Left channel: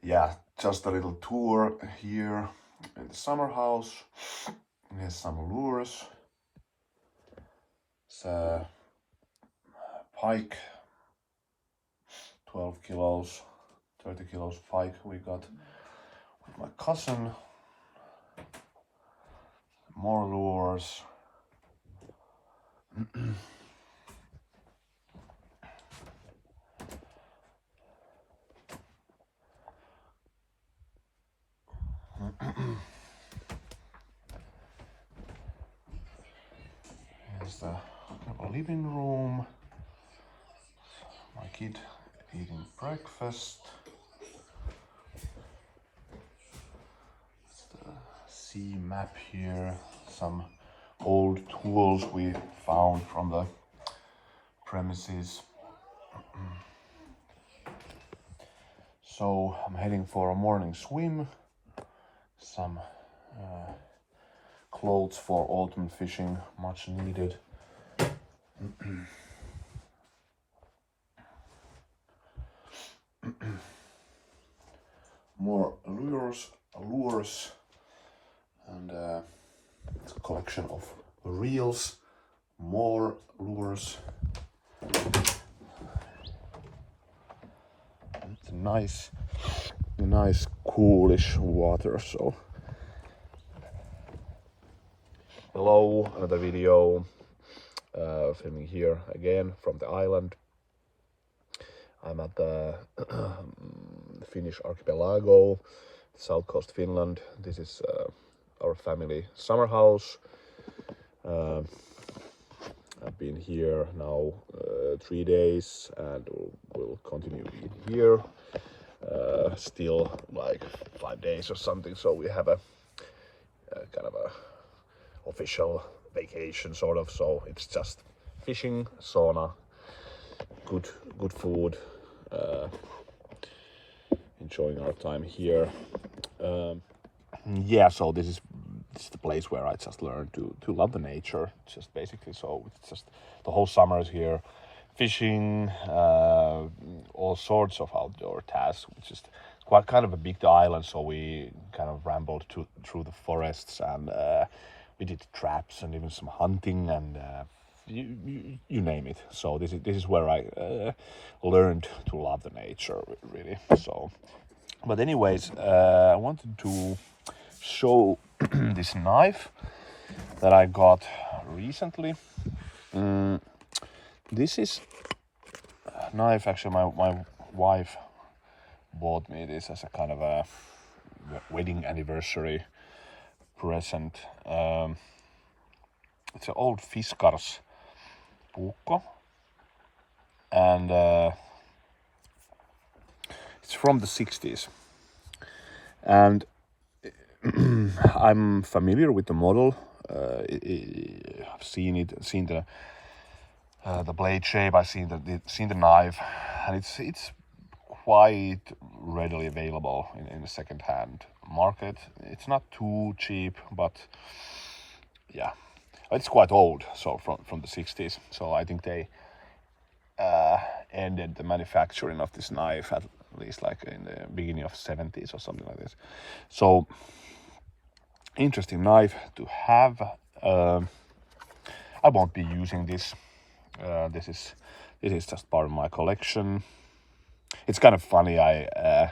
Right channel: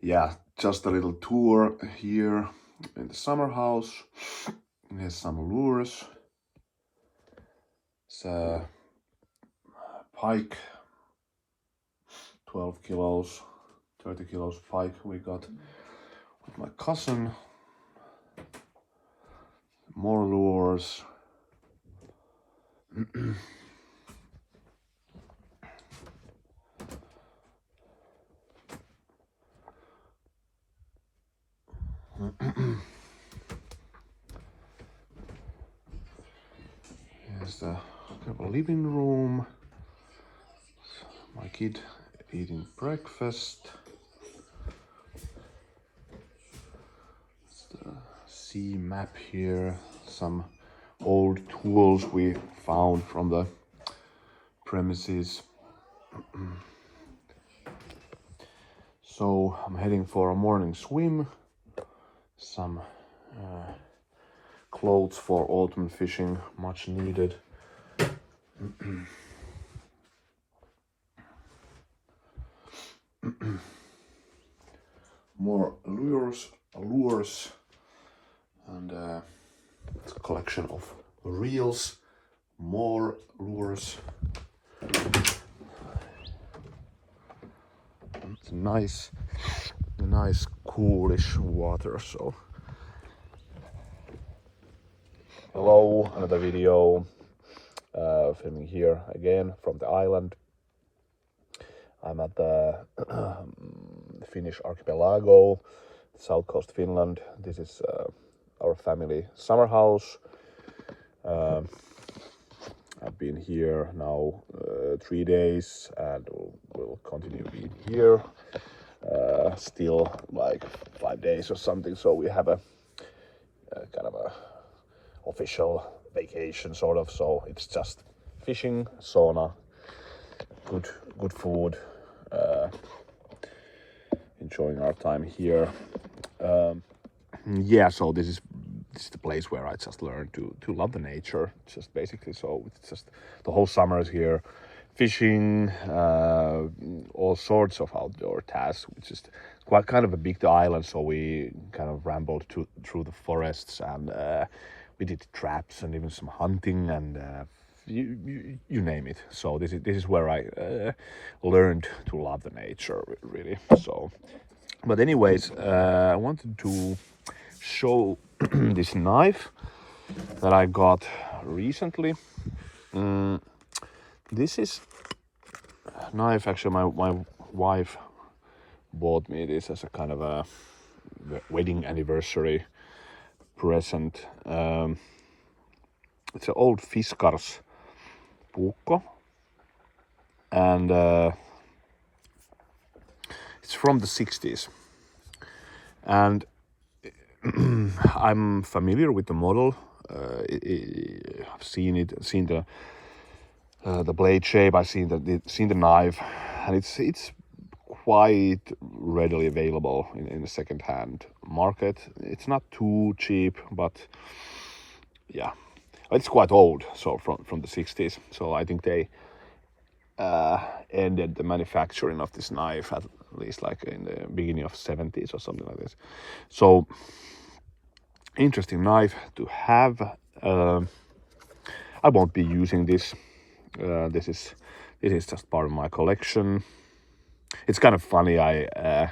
yeah, just a little tour here in the summer house. Here's some lures. It's a pike, 12 kilos, 30 kilos pike we got with my cousin. More lures. Here's the living room. My kid eating breakfast. It's the sea map here. Some old tools we found from the premises. So I'm heading for a morning swim. Some clothes for autumn fishing, much needed. More lures, and it's a collection of reels, more lures. It's nice coolish water. So hello, another video filming here again from the island. I'm at the Finnish archipelago, south coast Finland. This is our family summer house. I've been here now 3 days and will continue being here still like 5 days or something. So we have a kind of a official vacation sort of. So it's just fishing, sauna, good food, enjoying our time here. Yeah, so this is the place where I just learned to love the nature, just basically. So it's just the whole summer is here, fishing, all sorts of outdoor tasks, which is quite kind of a big island. So we kind of rambled through the forests, and we did traps and even some hunting and you name it. So this is where I learned to love the nature, really. So, but anyways, I wanted to show this knife that I got recently. This is a knife, actually my wife bought me this as a kind of a wedding anniversary present. It's an old Fiskars Puukko, and it's from the 60s, and I'm familiar with the model. I've seen the blade shape. I've seen the knife, and it's quite readily available in the second-hand market. It's not too cheap, but yeah, it's quite old. So from the 60s. So I think they ended the manufacturing of this knife at least like in the beginning of 70s or something like this. So interesting knife to have. I won't be using this. This is just part of my collection. It's kind of funny. I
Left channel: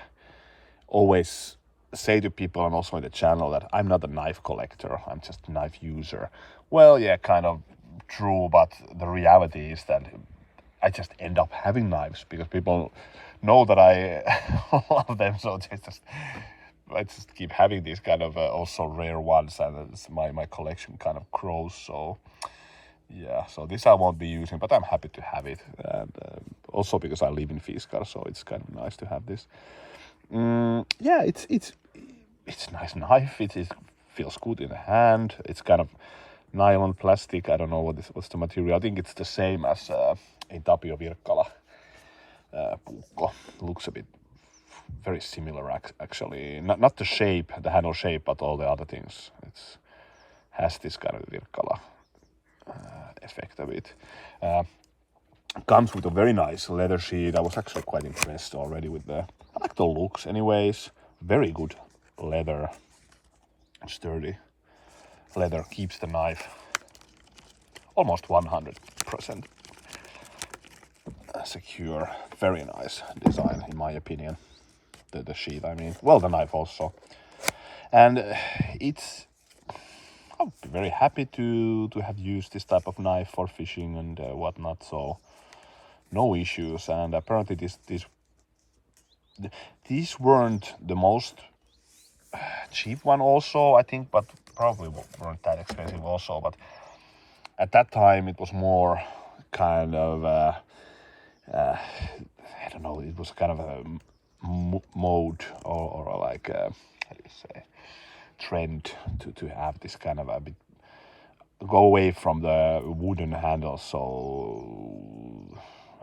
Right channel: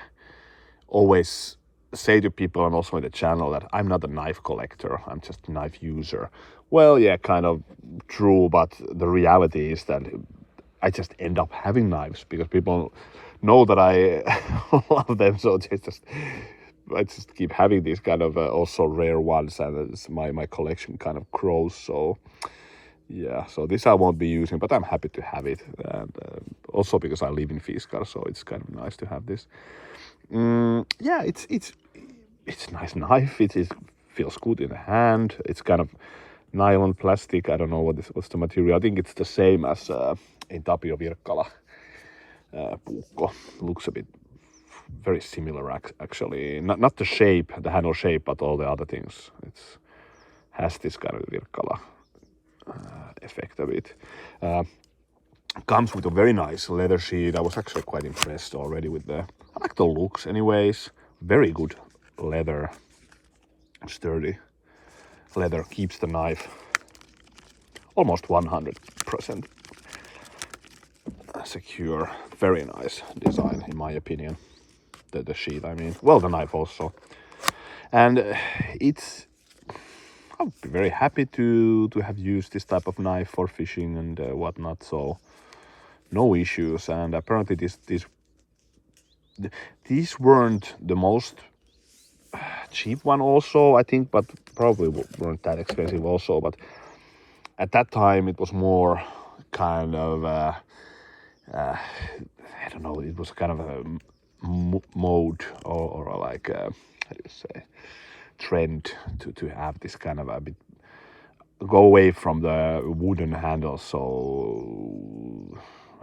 always say to people, and also in the channel, that I'm not a knife collector. I'm just a knife user. Well, yeah, kind of true, but the reality is that I just end up having knives because people know that I love them. So I just keep having these kind of also rare ones, and my collection kind of grows. So yeah, so this I won't be using, but I'm happy to have it, and also because I live in Fiskars, so it's kind of nice to have this. Yeah, it's a nice knife. It feels good in the hand. It's kind of nylon plastic. I don't know what's the material. I think it's the same as in Tapio Virkkala Puukko. Looks a bit very similar actually. Not the shape, the handle shape, but all the other things. It's has this kind of Virkkala effect of it. Comes with a very nice leather sheet. I was actually quite impressed already with I like tactile looks anyways. Very good leather, sturdy leather, keeps the knife almost 100% secure. Very nice design in my opinion. The sheath, I mean, well, the knife also. And I'll be very happy to have used this type of knife for fishing and whatnot, so no issues. And apparently these weren't the most cheap one also, I think, but probably weren't that expensive also. But at that time it was more kind of I don't know, it was kind of a mode or like how do you say, trend to have this kind of a bit, go away from the wooden handles. So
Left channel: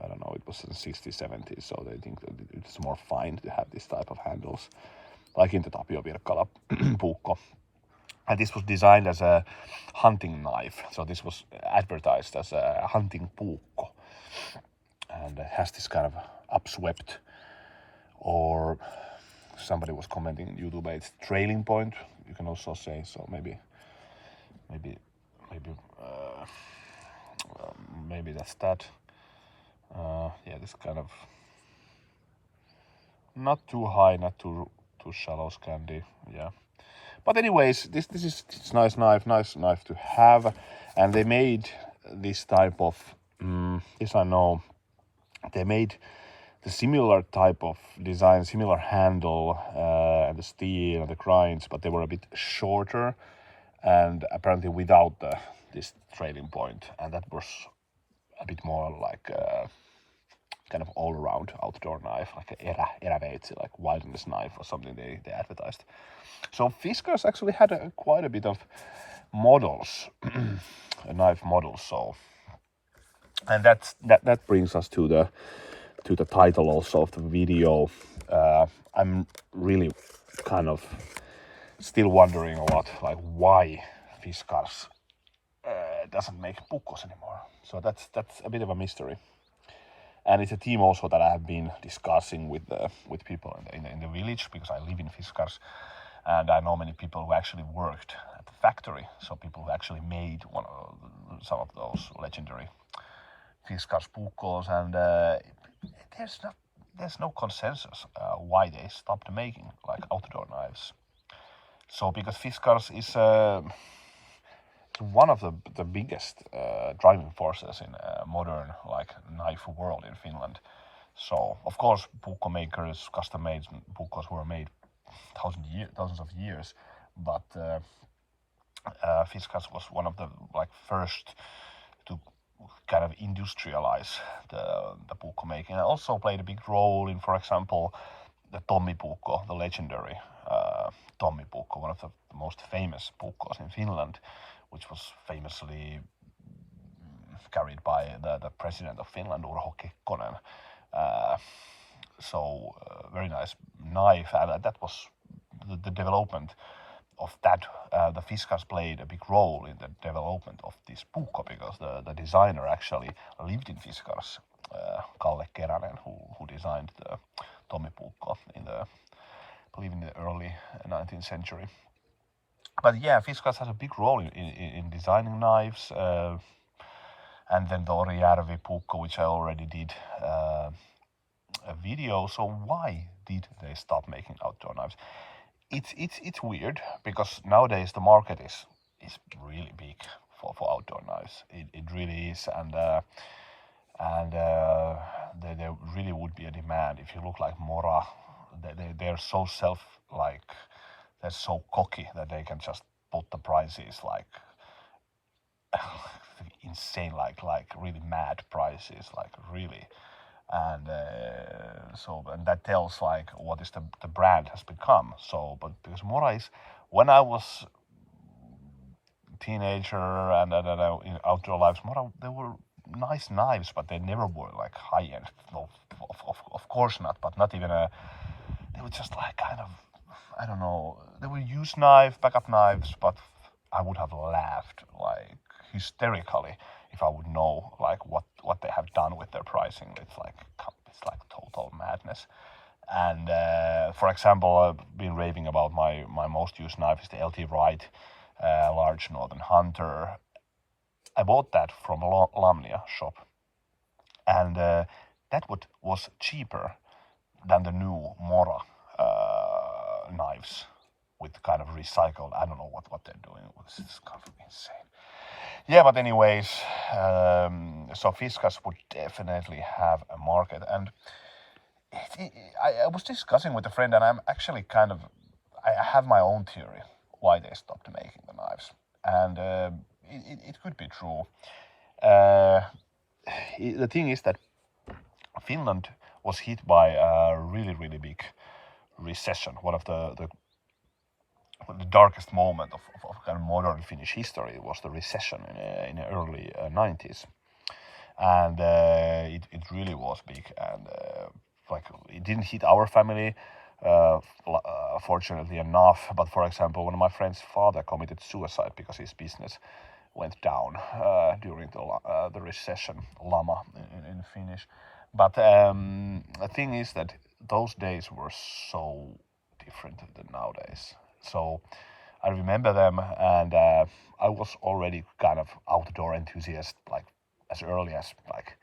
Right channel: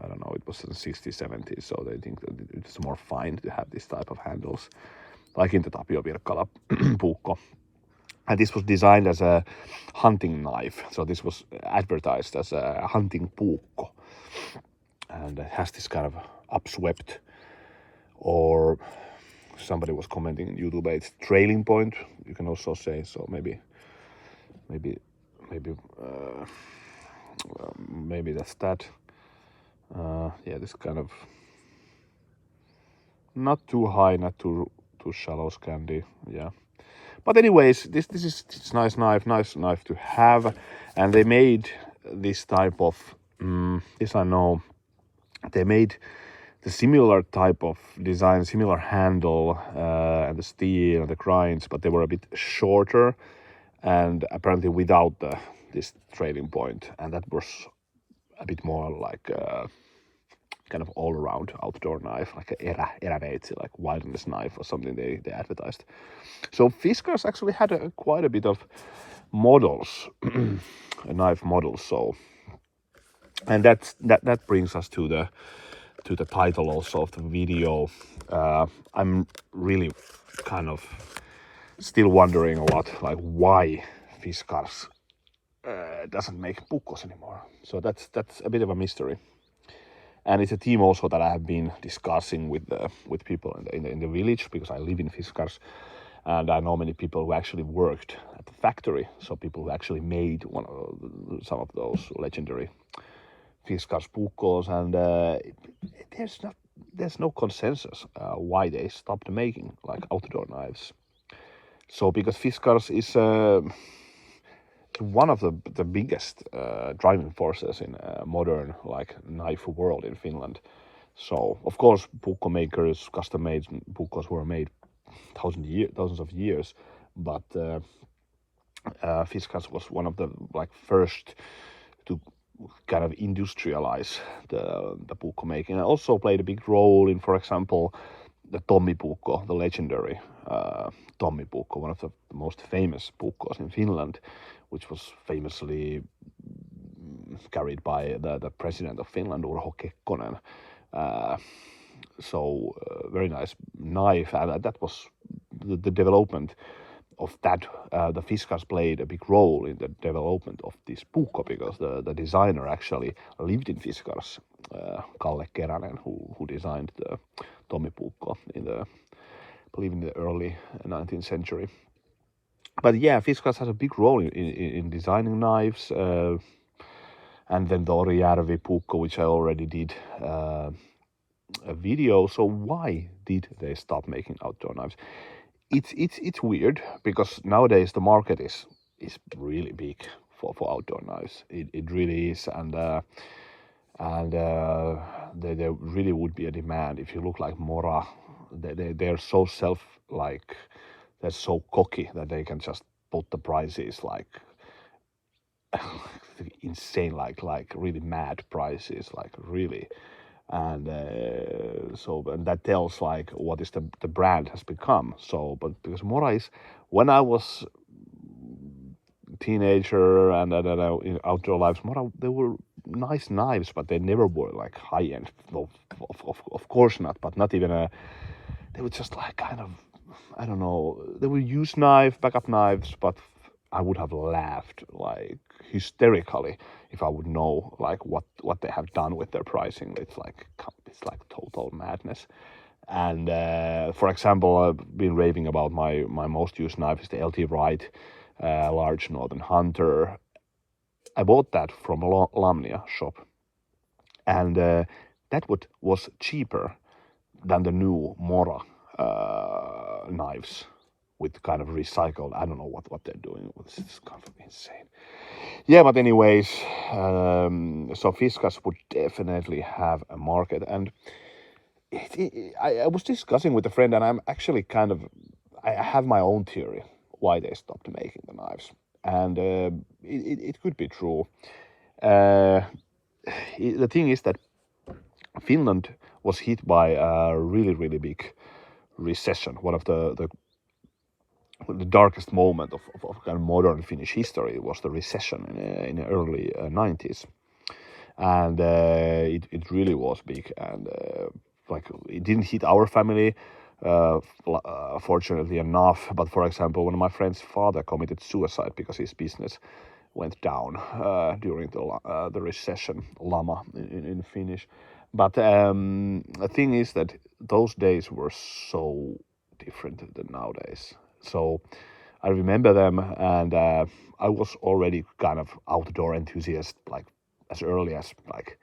I don't know, it was in the 60s, 70s, so they think that it's more fine to have this type of handles, like in the Tapio Virkala Puukko. And this was designed as a hunting knife, so this was advertised as a hunting puukko, and it has this kind of upswept, or somebody was commenting on YouTube, it's trailing point, you can also say. So maybe that's that. Yeah, this kind of not too high, not too shallow Scandi. Yeah, but anyways, this is nice knife to have. And they made this type of this I know, they made the similar type of design, similar handle, and the steel and the grinds, but they were a bit shorter and apparently without this trailing point, and that was a bit more like kind of all-around outdoor knife, like a eräveitsi, like wilderness knife or something they advertised. So Fiskars actually had quite a bit of models, knife models. So, and that brings us to the title also of the video. I'm really kind of still wondering why Fiskars doesn't make pukkos anymore. So that's a bit of a mystery. And it's a team also that I have been discussing with people in the village, because I live in Fiskars, and I know many people who actually worked at the factory. So people who actually made some of those legendary Fiskars Puukkos, and there's no consensus why they stopped making like outdoor knives. So because Fiskars is one of the biggest driving forces in modern like knife world in Finland. So of course puukko makers, custom made puukkos were made thousands of years, but Fiskars was one of the like first to kind of industrialize the puukko making, and also played a big role in, for example, the Tommi Puukko, the legendary Tommi Puukko, one of the most famous puukkos in Finland, which was famously carried by the president of Finland, Urho Kekkonen. Very nice knife, and that was the development of that. The Fiskars played a big role in the development of this puukko, because the designer actually lived in Fiskars, Kalle Keränen, who designed the Tommi Puukko I believe in the early 19th century. But yeah, Fiskars has a big role in designing knives, and then the Orijärvi Puukko, which I already did a video. So why did they stop making outdoor knives? It's weird, because nowadays the market is really big for outdoor knives. It really is, and there really would be a demand. If you look like Mora, they're so they're so cocky that they can just put the prices like insane, like really mad prices, like really. And and that tells like what is the brand has become. So, but because Mora is, when I was teenager and in outdoor lives, Mora, they were nice knives, but they never were like high end. Of course not, but not even they were just like kind of, I don't know, they were used knife, backup knives, but I would have laughed like hysterically if I would know like what they have done with their pricing. It's like total madness. And for example, I've been raving about my most used knife is the LT Wright large Northern Hunter. I bought that from a Lamnia shop, and that was cheaper than the new Mora knives with kind of recycled. I don't know what they're doing. This is kind of insane. Yeah, but anyways, so Fiskars would definitely have a market, and I was discussing with a friend, and I'm actually I have my own theory why they stopped making the knives, and it could be true. Uh, the thing is that Finland was hit by a really big recession, one of the darkest moment of kind of modern Finnish history was the recession in the early 90s, and it really was big, and like it didn't hit our family fortunately enough, but for example, one of my friend's father committed suicide because his business went down during the recession, lama in Finnish. But the thing is that those days were so different than nowadays. So I remember them, and I was already kind of outdoor enthusiast, like as early as like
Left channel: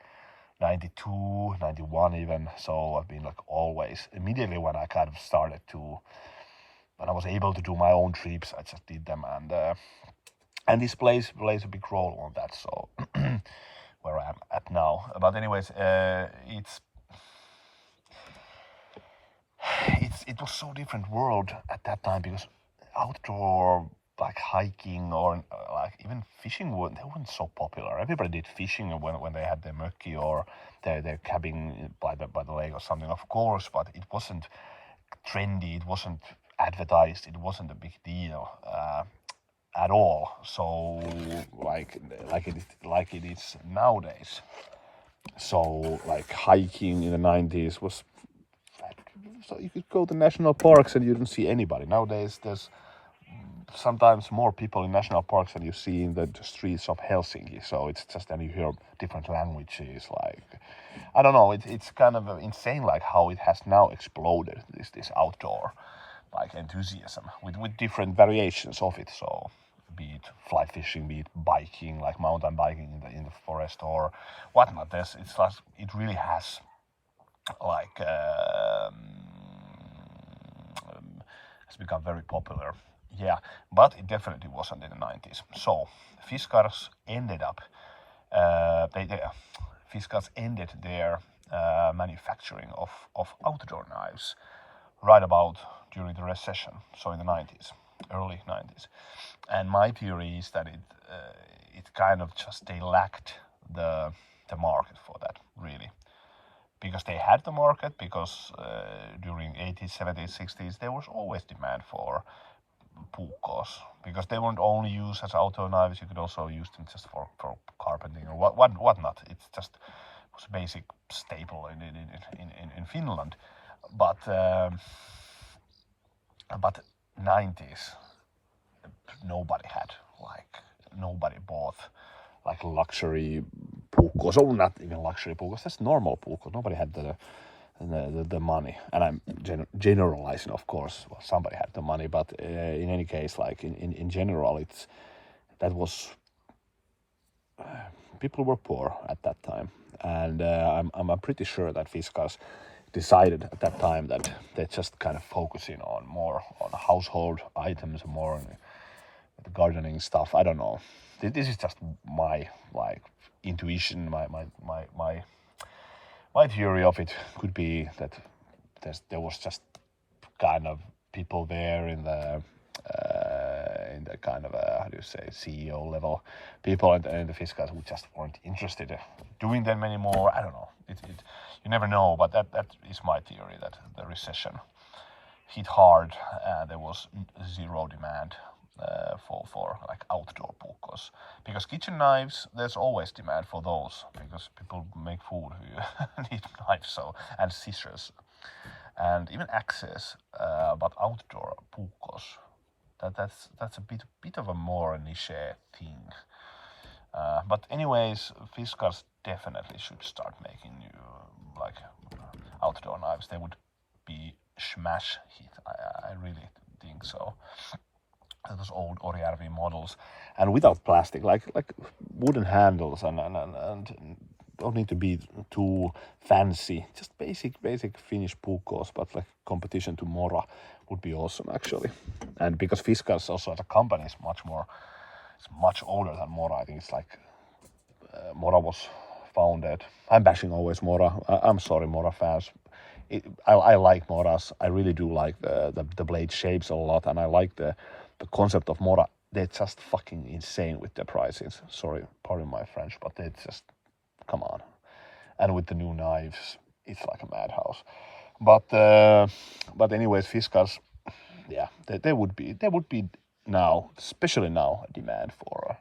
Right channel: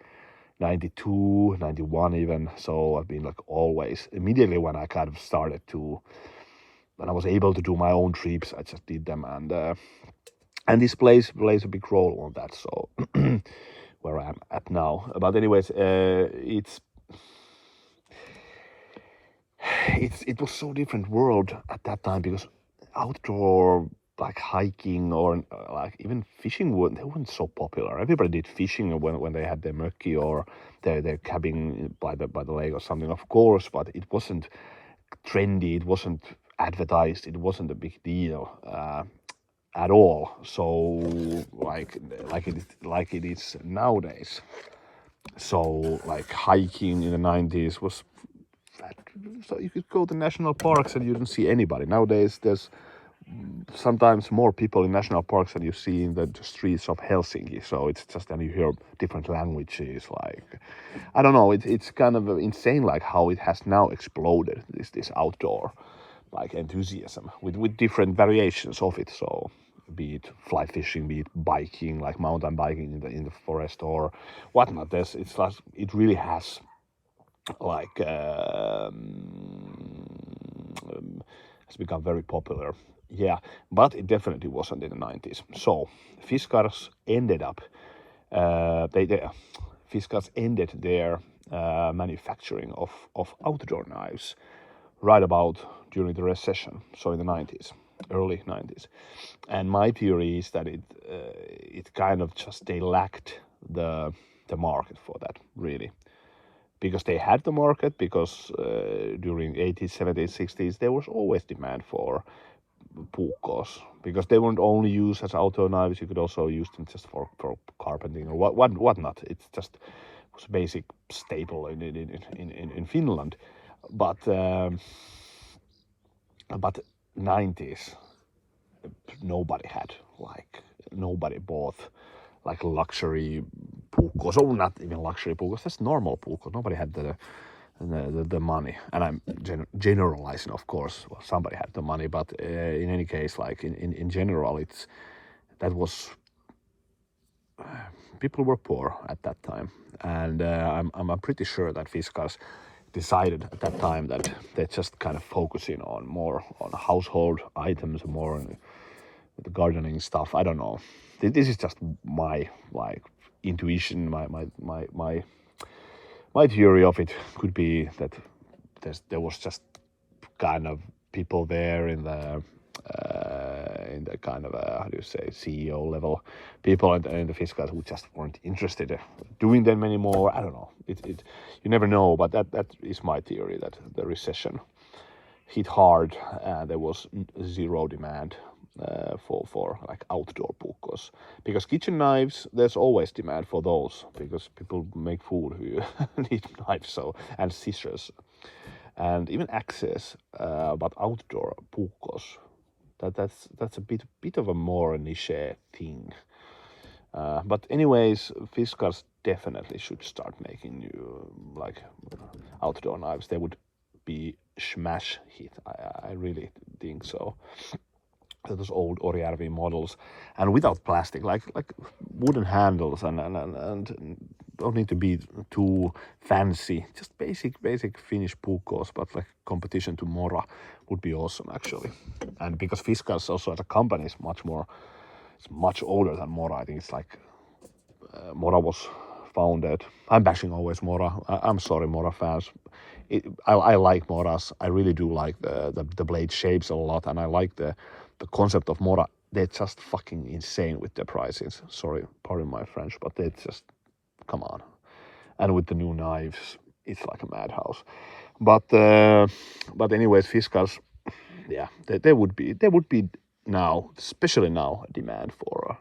92, 91 even. So I've been like always, immediately when I kind of started to, when I was able to do my own trips, I just did them, and this plays a big role on that. So where I'm at now. But anyways, it was so different world at that time because outdoor like hiking or like even fishing they weren't so popular. Everybody did fishing when they had their mökki or their cabin by the lake or something, of course, but it wasn't trendy, it wasn't advertised, it wasn't a big deal at all. So like it is nowadays. So like hiking in the 90s was so you could go to national parks and you didn't see anybody. Nowadays there's sometimes more people in national parks than you see in the streets of Helsinki. So it's just, and you hear different languages. Like I don't know, it's kind of insane, like how it has now exploded. This outdoor like enthusiasm with different variations of it. So be it fly fishing, be it biking, like mountain biking in the forest or whatnot. It's like it really has like has become very popular. Yeah, but it definitely wasn't in the 90s. So Fiskars ended up Fiskars ended their manufacturing of outdoor knives right about during the recession, so in the 90s, early 90s. And my theory is that it kind of just they lacked the market for that, really, because they had the market, because during 80s, 70s, 60s there was always demand for puukkos, because they weren't only used as outdoor knives, you could also use them just for carpenting or whatnot. It's just was a basic staple in Finland. But 90s nobody had, like nobody bought like luxury puukkos, or not even luxury puukkos, just normal puukkos. Nobody had the money, and I'm generalizing, of course. Well, somebody had the money, but in any case, like in general, it's that was people were poor at that time, and I'm pretty sure that Fiskars decided at that time that they're just kind of focusing on more on household items, more on the gardening stuff. I don't know. This is just my like intuition, my theory of it could be that there was just kind of people there in the kind of how do you say CEO level people in the Fiskars who just weren't interested in doing them anymore. I don't know. It you never know, but that is my theory, that the recession hit hard and there was zero demand for like outdoor puukkos, because kitchen knives there's always demand for those because people make food who need knives, so, and scissors and even axes, but outdoor puukkos, that's a bit of a more niche thing. But anyways, Fiskars definitely should start making new like outdoor knives. They would be smash hit. I really think so. Those old Orjärvi models, and without plastic, like wooden handles, and don't need to be too fancy. Just basic Finnish puukkos, but like competition to Mora would be awesome actually. And because Fiskars also as a company is much older than Mora. I think it's like Mora was founded. I'm bashing always Mora. I'm sorry, Mora fans. I like Moras. I really do like the blade shapes a lot, and I like the concept of Mora. They're just fucking insane with their prices. Sorry, pardon my French, but they just come on. And with the new knives, it's like a madhouse. But anyways, Fiskars, yeah, there would be now, especially now, a demand for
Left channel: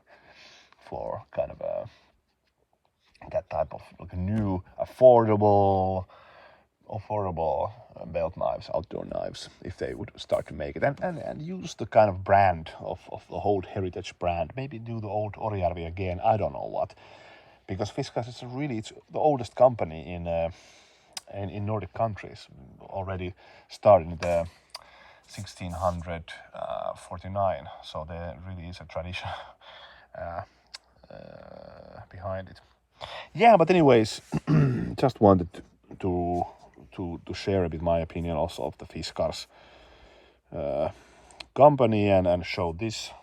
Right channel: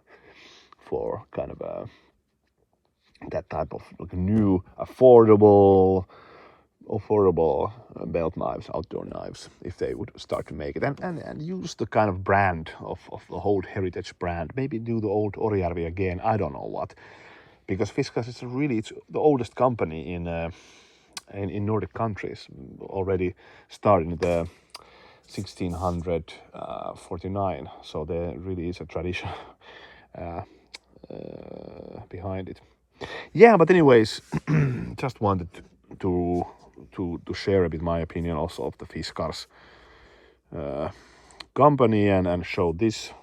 kind of that type of like new affordable belt knives, outdoor knives, if they would start to make it and use the kind of brand of the old heritage brand. Maybe do the old Orjärvi again. I don't know what, because Fiskars is it's the oldest company in Nordic countries. Already started in the 1649, so there really is a tradition behind it. Yeah, but anyways, just wanted to share a bit my opinion also of the Fiskars company and show this.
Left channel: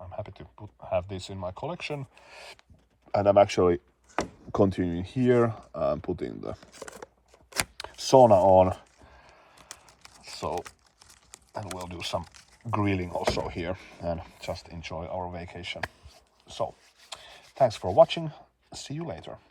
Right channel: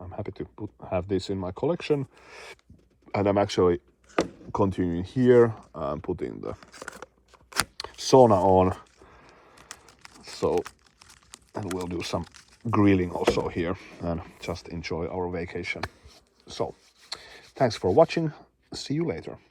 I'm happy to have this in my collection, and I'm actually continuing here. I'm putting the sauna on, so and we'll do some grilling also here and just enjoy our vacation. So thanks for watching. See you later.